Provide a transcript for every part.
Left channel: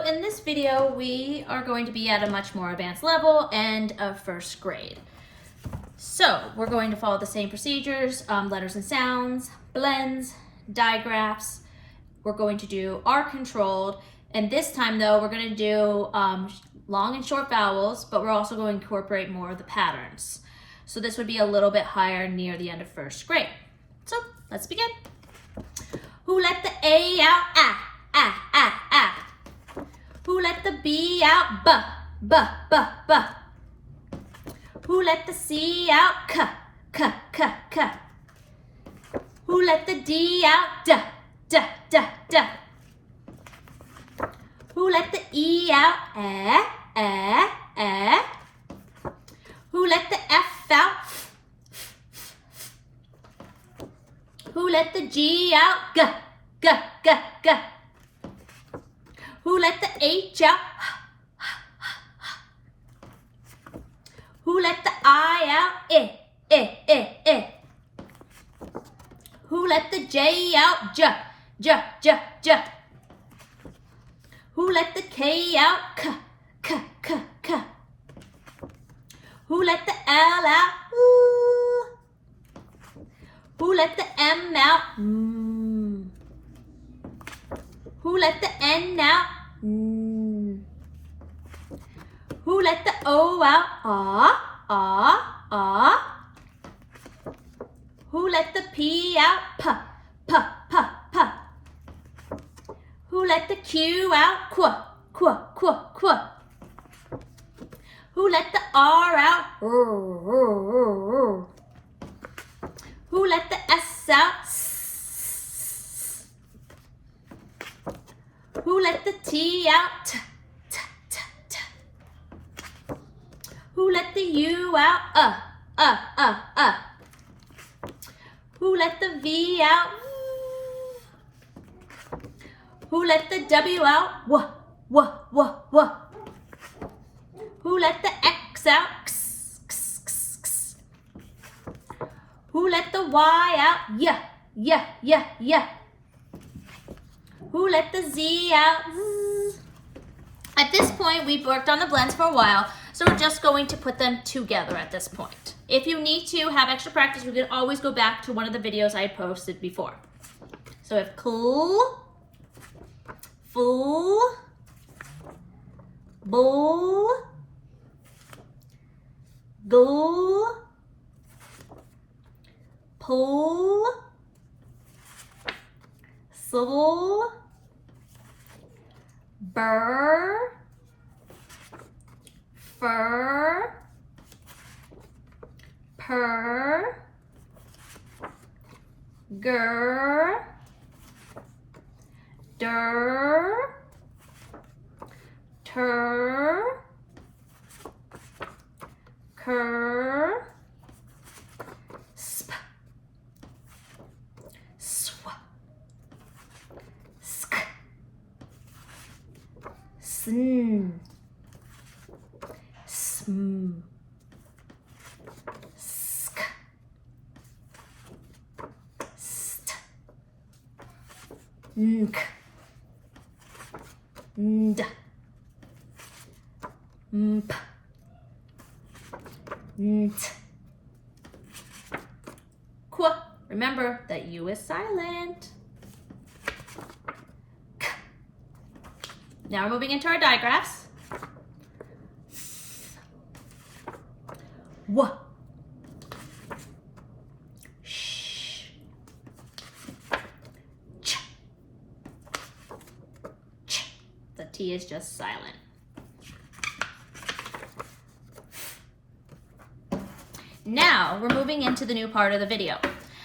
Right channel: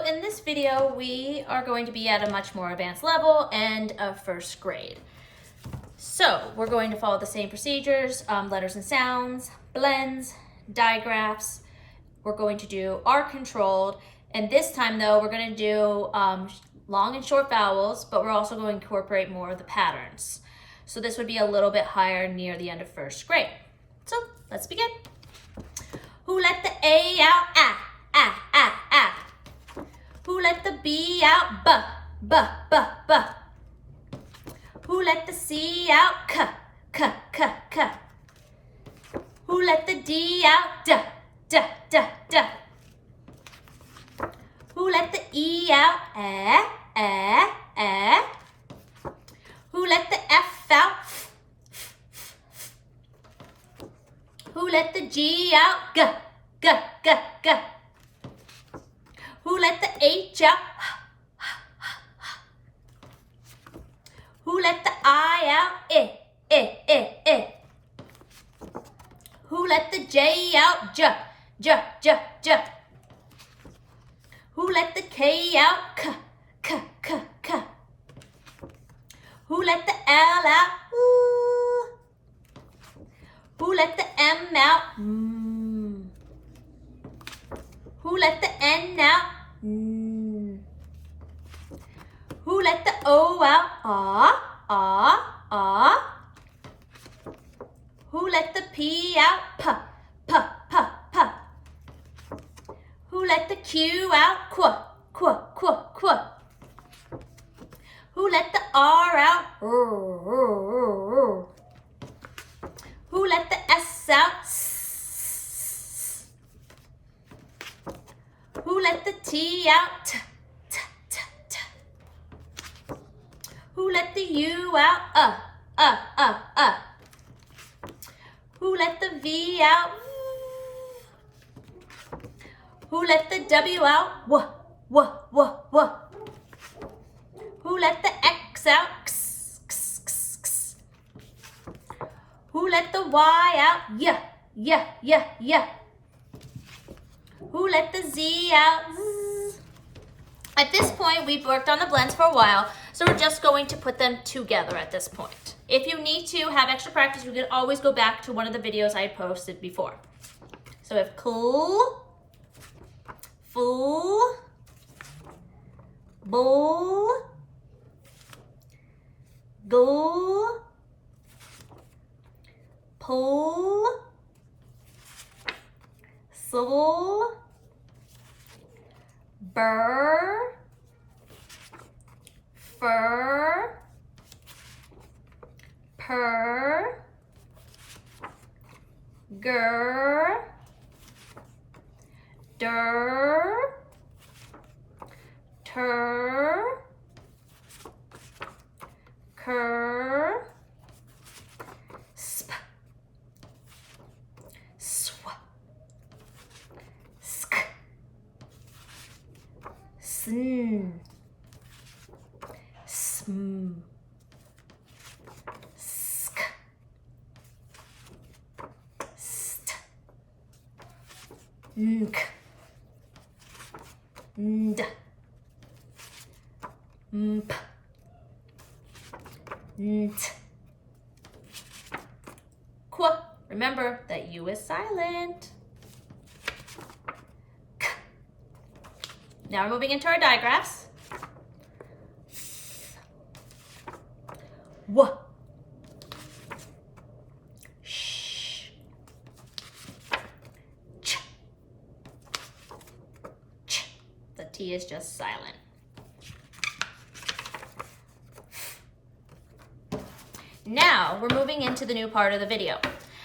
So in this video, we are going to be at a much more advanced level and of first grade. So we're going to follow the same procedures, letters and sounds, blends, digraphs. We're going to do R controlled. And this time though, we're going to do long and short vowels, but we're also going to incorporate more of the patterns. So this would be a little bit higher near the end of first grade. So let's begin. Who let the A out? Ah, ah, ah, ah. Who let the B out? B, b, b, b. Who let the C out? K, k, k, k. Who let the D out? D, d, d, d. Who let the E out? Eh, eh, eh. Who let the F out? Who let the G out? G, g, g, g. Who let the H out? Who let the I out? Eh, eh, eh, eh. Who let the J out? J, j, j, j. Who let the K out? K, k, k, k. Who let the L out? Ooh. Who let the M out? Mm. Who let the N out? Mm. Who let the O out? Ah, ah, ah. Who let the P out? P, p, p, p. Who let the Q out? Qu, qu, qu, qu. Who let the R out? Who let the S out? Who let the T out? T, t, t, t. Who let the U out? Who let the V out? Who let the W out? W, w, w, w. Who let the X out? X, x, x, x. Who let the Y out? Y, y, y, y. Who let the Z out? Z. At this point, we've worked on the blends for a while, so we're just going to put them together at this point. If you need to have extra practice, you can always go back to one of the videos I had posted before. So we have cool, full, bull, gull, pull, soul, burr, fur, purr, gur, dur, tur, cur, sp, sw, sk, sn, sm, sk, st, nk, nd, mp, nt, qu. Remember that U is silent. K. Now we're moving into our digraphs. W, sh, ch, ch. The T is just silent. Now we're moving into the new part of the video.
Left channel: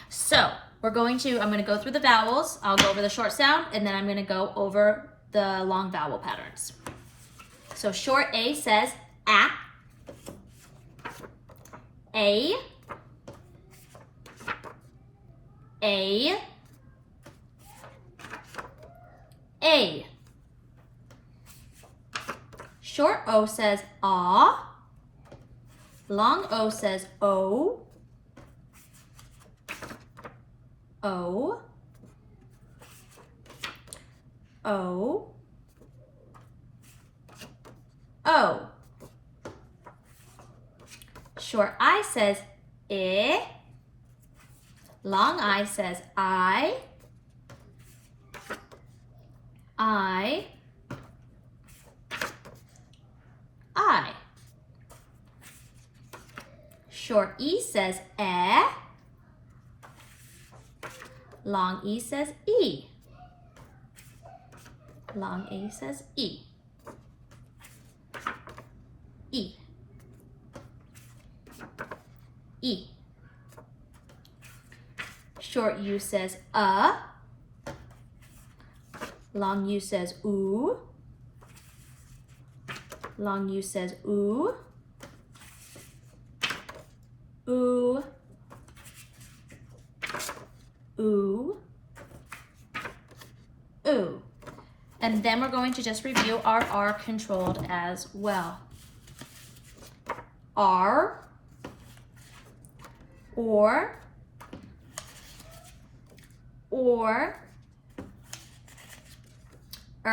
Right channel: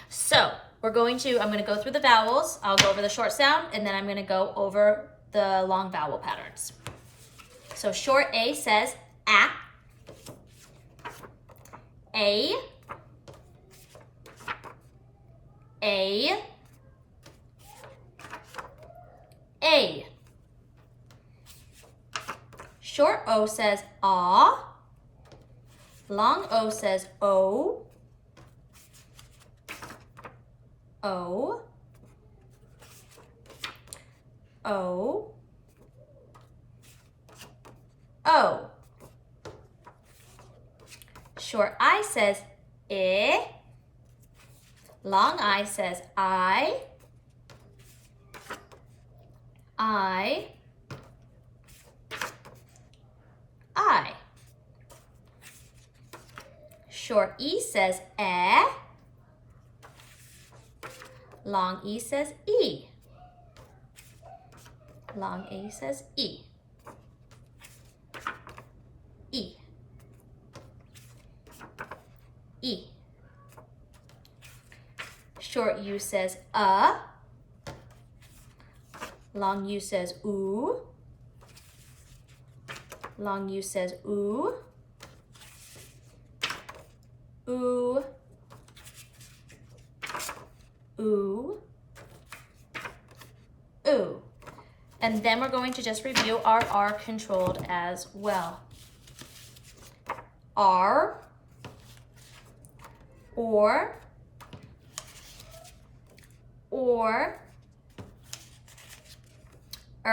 So I'm going to go through the vowels, I'll go over the short sound, and then I'm going to go over the long vowel patterns. So short A says a, a, a, a. Short O says ah. Long O says O. O. O. O. Short I says I. Long I says I. I. Short E says eh. Long E says E. Long A says E. E. E. Short U says Long U says oo. Long U says oo. Ooh. Ooh. Ooh. And then we're going to just review our R controlled as well. R, or,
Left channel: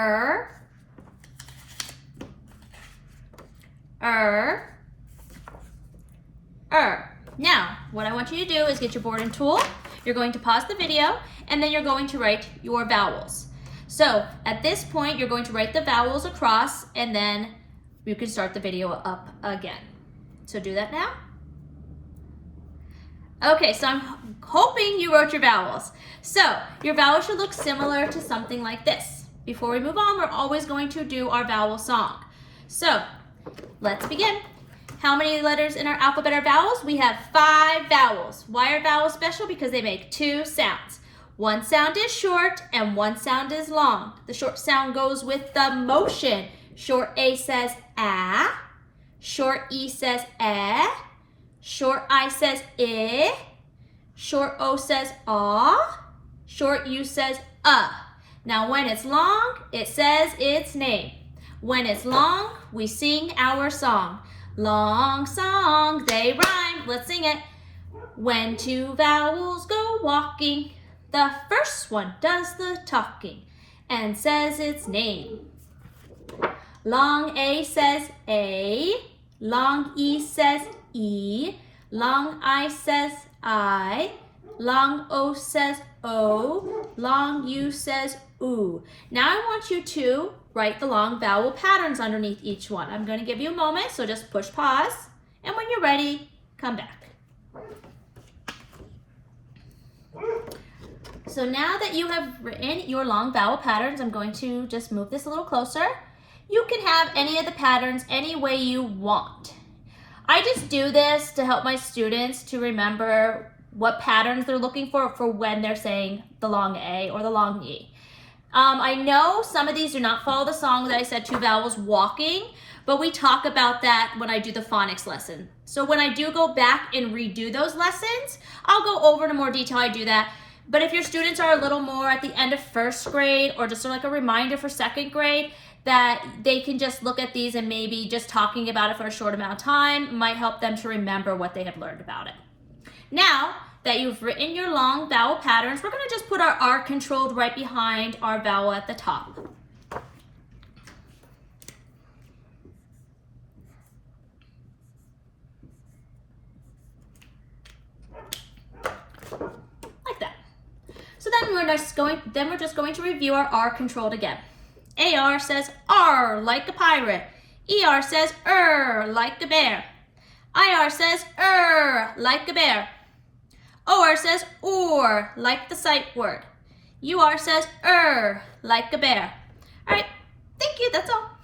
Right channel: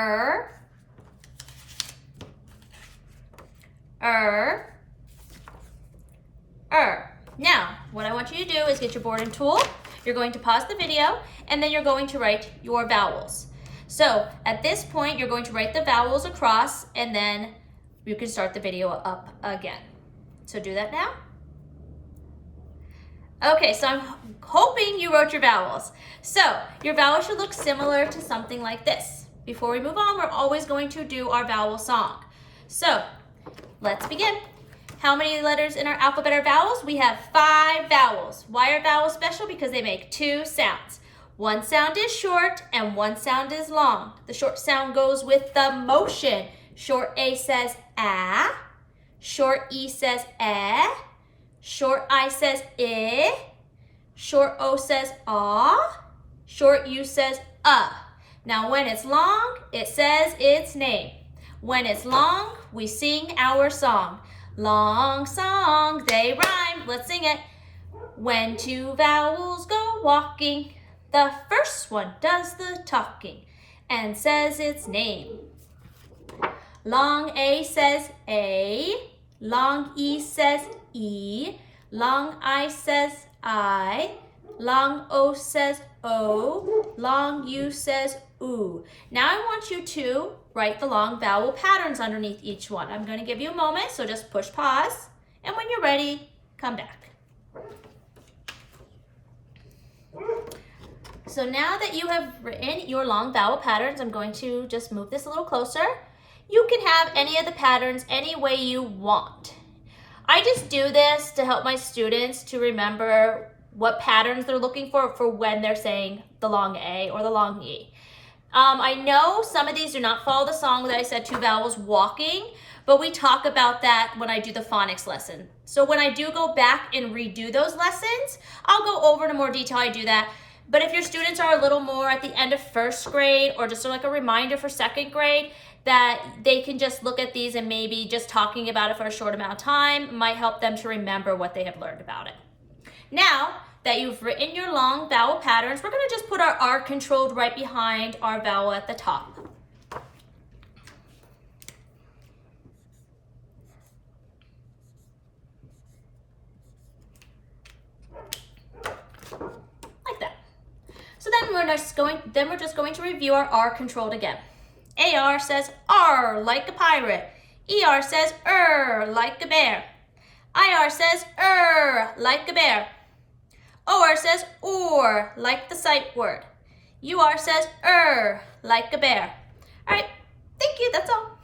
er, Now, what I want you to do is get your board and tool. You're going to pause the video, and then you're going to write your vowels. So at this point, you're going to write the vowels across, and then you can start the video up again. So do that now. Okay, so I'm hoping you wrote your vowels. So your vowels should look similar to something like this. Before we move on, we're always going to do our vowel song. So let's begin. How many letters in our alphabet are vowels? We have 5 vowels. Why are vowels special? Because they make 2 sounds. One sound is short and one sound is long. The short sound goes with the motion. Short A says ah. Short E says eh. Short I says I. Short O says ah. Short U says Now when it's long, it says its name. When it's long, we sing our song. Long song, they rhyme. Let's sing it. When 2 vowels go walking, the first one does the talking and says its name. Long A says A. Long E says E. Long I says I. Long O says O. Long U says oo. Now I want you to write the long vowel patterns underneath each one. I'm going to give you a moment, so just push pause. And when you're ready, come back. So now that you have written your long vowel patterns, I'm going to just move this a little closer. You can have any of the patterns any way you want. I just do this to help my students to remember what patterns they're looking for when they're saying the long A or the long E. I know some of these do not follow the song that I said 2 vowels walking, but we talk about that when I do the phonics lesson. So when I do go back and redo those lessons, I'll go over in more detail. I do that. But if your students are a little more at the end of 1st grade or just like a reminder for 2nd grade, that they can just look at these and maybe just talking about it for a short amount of time might help them to remember what they have learned about it. Now that you've written your long vowel patterns, we're going to just put our R controlled right behind our vowel at the top. Like that. So then we're just going to review our R controlled again. AR says R like a pirate. ER says like a bear. IR says like a bear. OR says or like the sight word. UR says like a bear. All right, thank you, that's all.